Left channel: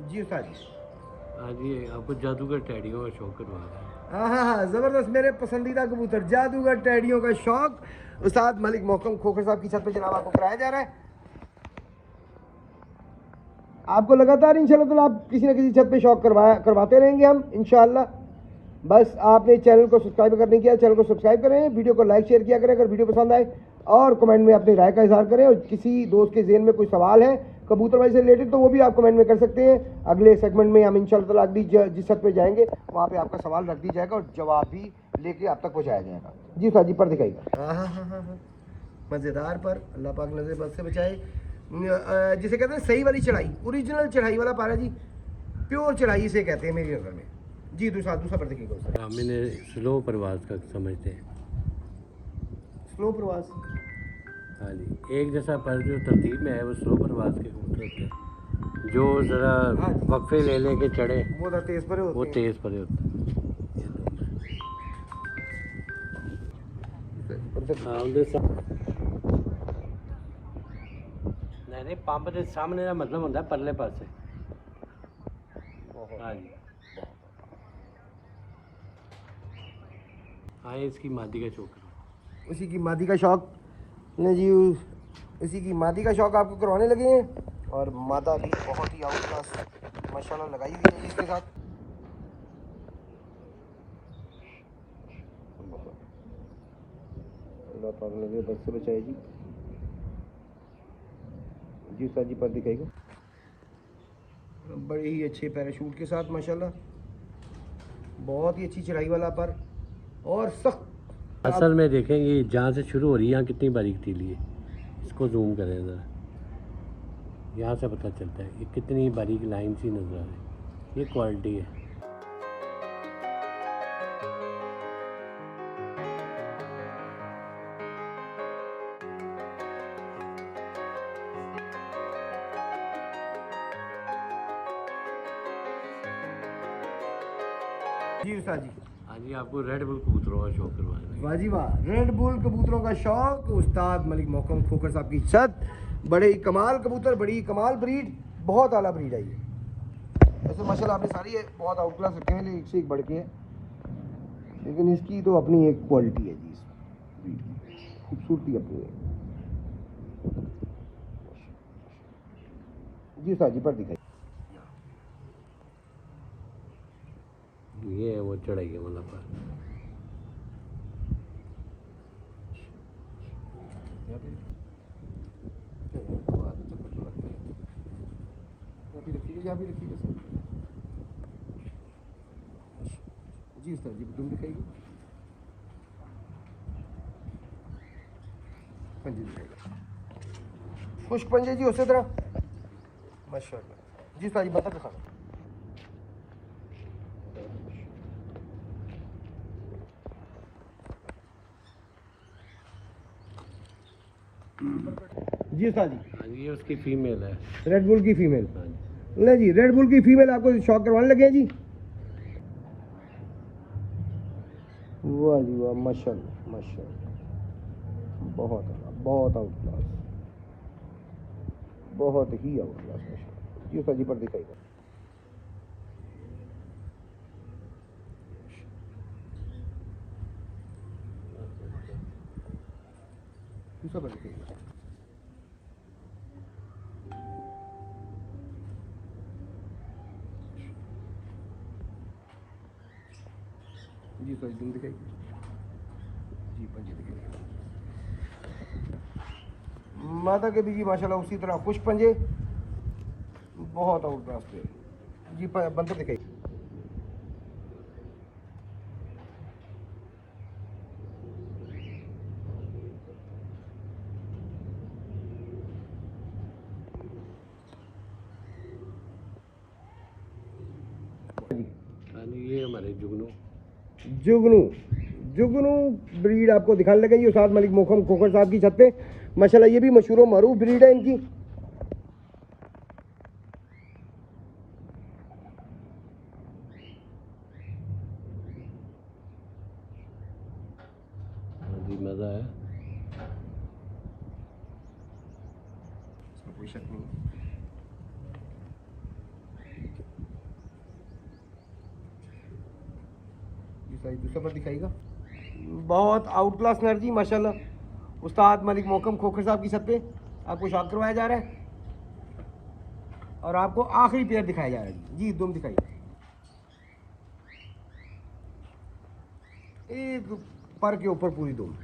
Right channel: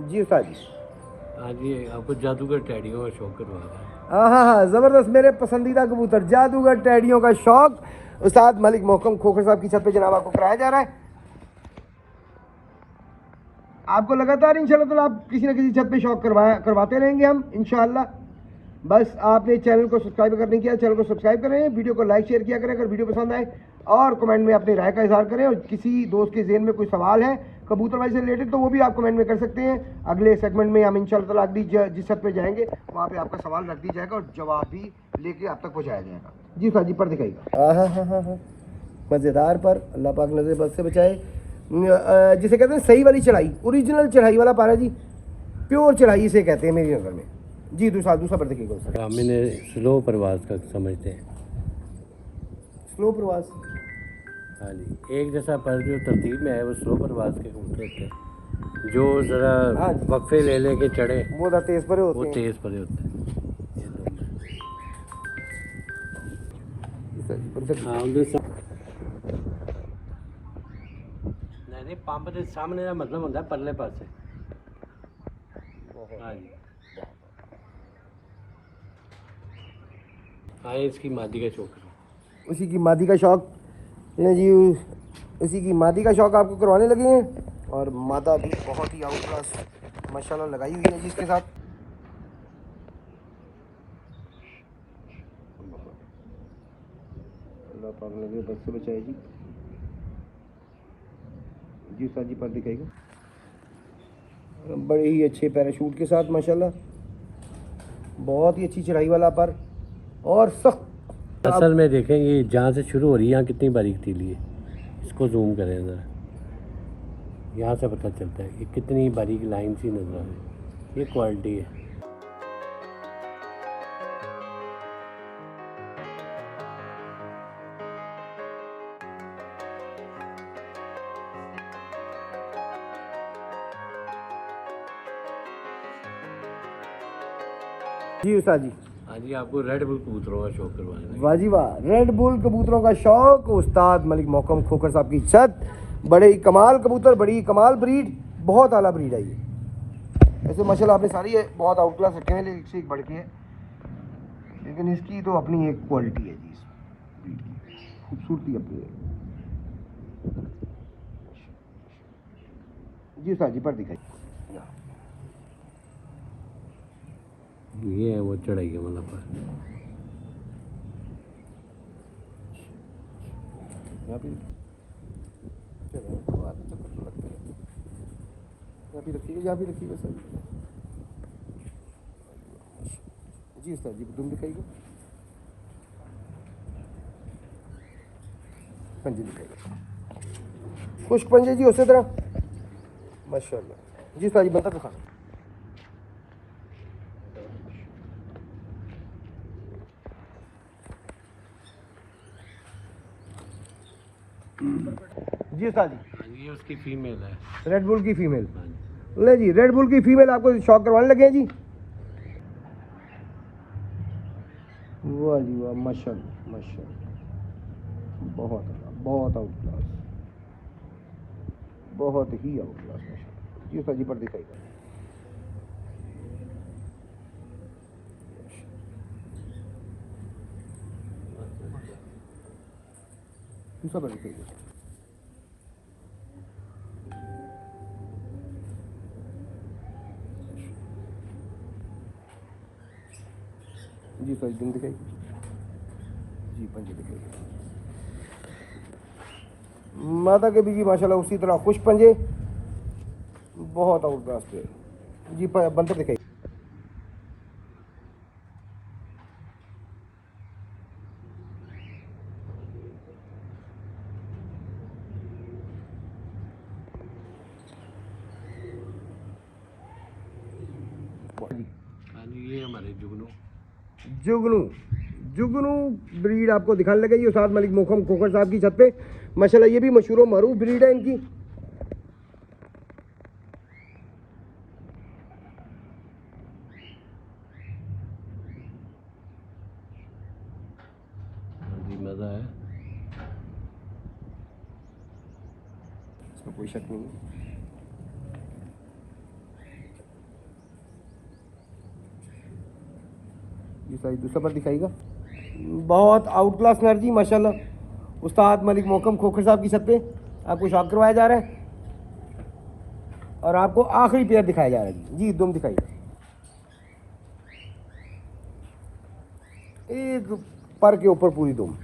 जी उस्ताद जी। आज ये आपको जादूगर टैडियों का शौक करवा रहा है। हाँ, ज़बरदस्त, मेरे पसंदीदा कबूतर जादूगर टैडियों का शौक उस्ताद मलिक मोहकम खोखर साहब की छत पे जनाब आपको कराया जा रहा है। आपको लगातार इंशाल्लाह तो आप किसी न किसी छत पे शौक करवाते रहेंगे हम इंशाल्लाह। बस आपने चैनल को सब्सक्राइब अगर नहीं किया, चैनल को सब्सक्राइब करें, वीडियो को लाइक शेयर किया करें अगर वीडियो पसंद आए, और कमेंट में अपनी राय का इजहार करें। और किसी दोस्त के ज़हन में कोई सवाल है कबूतरबाजी से रिलेटेड तो वो भी आप कमेंट में कर सकते हैं। अगले सेगमेंट में हम इंशाल्लाह अगली जिस छत पे जाएंगे वहाँ पे आपका सवाल रख दिया जाएगा और जवाब भी लेके आप तक पहुँचाया जाएगा। जी सर जी, पर दिखाइएगा। हाँ, मज़ेदार पर, अल्लाह पाक नज़र बद से बचाए। जिसे कहते हैं सही वाली चढ़ाई, ओरिजिनल चढ़ाई वाला पारा जी, प्योर चढ़ाई इसे कहते हैं मेरी नज़र में। जी दूसरा पर देखिए कौन सा मैंने स्लो परवाज का समझते हैं। स्लो प्रवास। हाँ जी, एक जैसा पर जो तरतीब में है वो स्लो परवाज के कबूतर होते हैं। जो ज़रा हाँ जी, वक्फे ले लेके चढ़े वो ज़रा तेज़ परे वो होते हैं। तेज़ परे होते हैं। हाँ उनके नहीं पंप के सामने का मतलब होता है परले पासे। हाँ जी, हाँ इसकी मादी का शौक करो। उसी की मादी का शौक जी, उसी की मादी का शौक आपको करवाने लगे हैं। और मादा भी बहुत ही आउट क्लास माशाल्लाह लगाई हुई है जिसके साथ। अल्लाह पाक नज़र बद से बचाए जी। जी सर जी, पर दिखाएगा बड़े ही अच्छे पैराशूट के साथ माशाल्लाह, बहुत ही अच्छी चढ़ाई वाला पर और सख्त। असल में देखें ये जहाँ से शुरू हो रही है यहाँ कितनी बारीक तीली है। इसको जूम करें ज़रा, यहाँ से पता चलता है कि कितनी बारीक लाइन सी नज़र आ रही है। ये क्वालिटी है। जी उस्ताद जी। हाँ जी, आपको रेड बुल कबूतरों का शौक करवाने लगे। वाह जी वाह, रेड बुल कबूतरों का शौक उस्ताद मलिक मोहकम खोखर साहब की छत। बड़े ही कमाल कबूतर, बड़ी ही कमाल ब्रीड, बहुत आला ब्रीड है ये। वैसे माशाल्लाह आपने सारी है बहुत आउट क्लास रखे हैं, एक से एक बढ़ के है, लेकिन इसकी तो अपनी एक क्वालिटी है जी, इस ब्रीड की खूबसूरती अपनी है। जी उस्ताद जी, पर दिखाइए। ये है वो चढ़ाई के मतलब यहाँ पे यहाँ भी रखिएगा सर। जी उस्ताद जी, तुम दिखाइएगा, पंजे दिखाइएगा, खुश्क पंजे जी उसी तरह माशाल्लाह। जी उस्ताद जी, बनता दिखा। जी उस्ताद जी। हाँ जी, ये उसकी फीमेल है। रेड बुल की फीमेल। हाँ जी, नहीं जी, रेड बुल की फीमेल आपको शौक करवाने लगे हैं जी। वाह जी वाह, माशाल्लाह माशाल्लाह, बहुत आउट क्लास, बहुत ही आउट क्लास। जी सर जी, पर दिखाइए। दूसरा पर दिखाइए। जी सर, तुम दिखाइए। जी पंजे दिखाइए। माता के भी जी माशाल्लाह उसी तरह खुश पंजे, बहुत आउट क्लास पे। जी बंदर दिखाइए। जी हाँ जी, ये हमारे जुगनू। जुगनू, जुगनू ब्रीड आपको दिखाने लगे जी उस्ताद मलिक मोहकम खोखर साहब की छत पे माशाल्लाह। ये भी मशहूर मरूफ ब्रीड है इनकी। हाँ जी, मज़ा है। इसमें कोई शक नहीं है। साइड दूसरा पर दिखाइएगा। बहुत आउट क्लास एनर्जी माशाल्लाह। उस्ताद मलिक मोहकम खोखर साहब की छत पे आपको शॉक करवाया जा रहा है और आपको आखिरी पेयर दिखाया जा रहा है जी। दुम दिखाइए, एक पर के ऊपर पूरी दुम।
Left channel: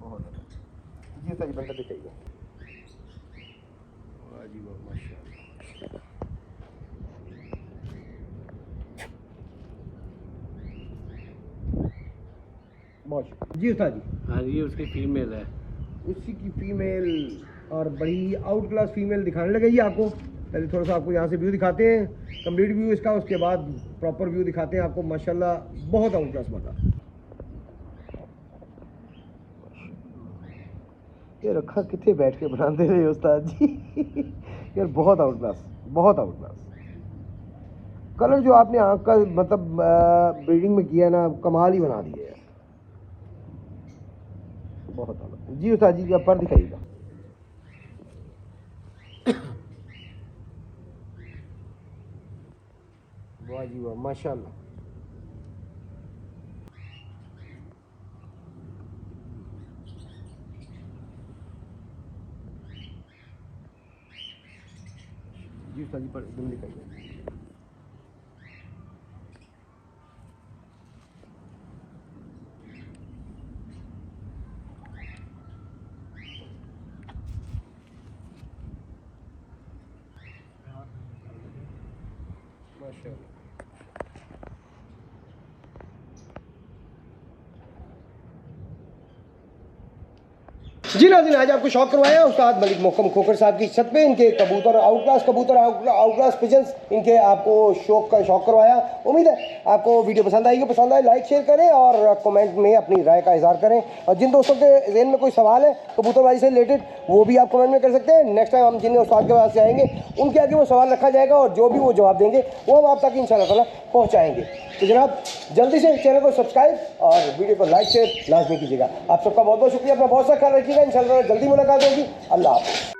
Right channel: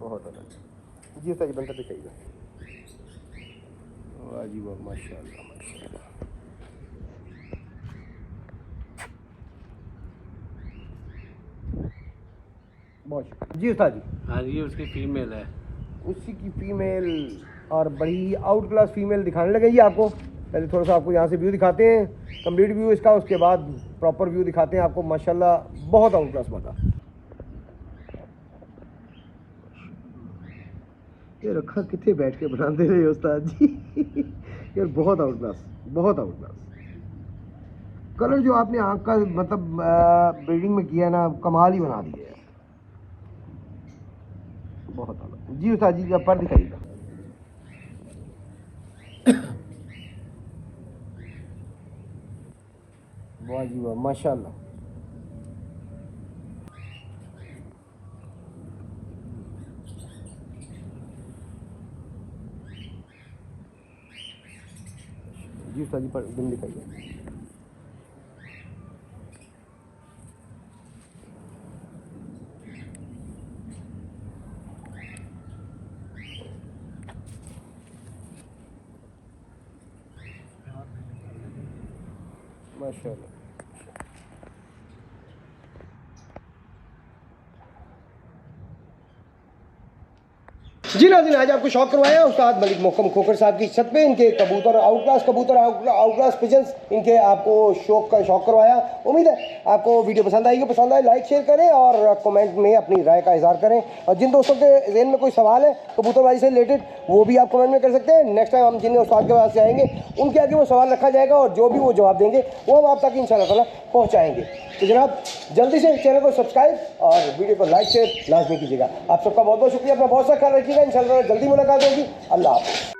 बहुत अच्छा जी। सारी बंदा दिखाइए। वाह जी वाह, माशाल्लाह माशाल्लाह। जी उस्ताद जी। हाँ ये उसकी फीमेल है। उसी की फीमेल और बड़ी आउट क्लास फीमेल दिखाने लगे जी आपको। पहले थोड़ा सा आपको यहाँ से व्यू दिखाते हैं, कंप्लीट व्यू इसका, उसके बाद प्रॉपर व्यू दिखाते हैं आपको। माशाल्लाह बहुत आउट क्लास माता। ये रखा कितने बैठ के बनाते रहे उस्ताद जी। यार बहुत आउट क्लास, बहुत आउट क्लास। कलर जो आपने आँख का मतलब ब्रीडिंग में किया ना, कमाल ही बना दिया है। बहुत आउट जी उस्ताद जी। आप पर दिखाइएगा। वाह जी वाह, माशाल्लाह। जी उस्ताद जी पर एकदम दिखाइए। माशाल्लाह। जी नाज़रीन, आज आपको शौक करवाया उस्ताद मलिक मोहकम खोखर साहब की छत पे। इनके कबूतर आउट क्लास पिजन्स, इनके आपको शौक करवाया। उम्मीद है आपको वीडियो पसंद आएगी। पसंद आए लाइक शेयर करें और कमेंट में अपनी राय का इजहार करें। और जिन दोस्तों के जहन में कोई सवाल है कबूतरबाजी से रिलेटेड, वो भी आप कमेंट में कर सकते हैं। नेक्स्ट टाइम हम जिन उस्ताद के पास से आएंगे उनके आगे वो सवाल रखा जाएगा और जो भी वो जवाब देंगे वो हम आप तक इंशाअल्लाह ताला पहुँचाएँगे। तो जनाब जल्दी से चैनल को सब्सक्राइब और वीडियो को लाइक शेयर लाजमी कीजिएगा। आप सबका बहुत बहुत शुक्रिया। अपना बहुत सा ख्याल रखिएगा। इंशाअल्लाह जल्दी मुलाकात होगी। अल्लाह हाफ़िज़।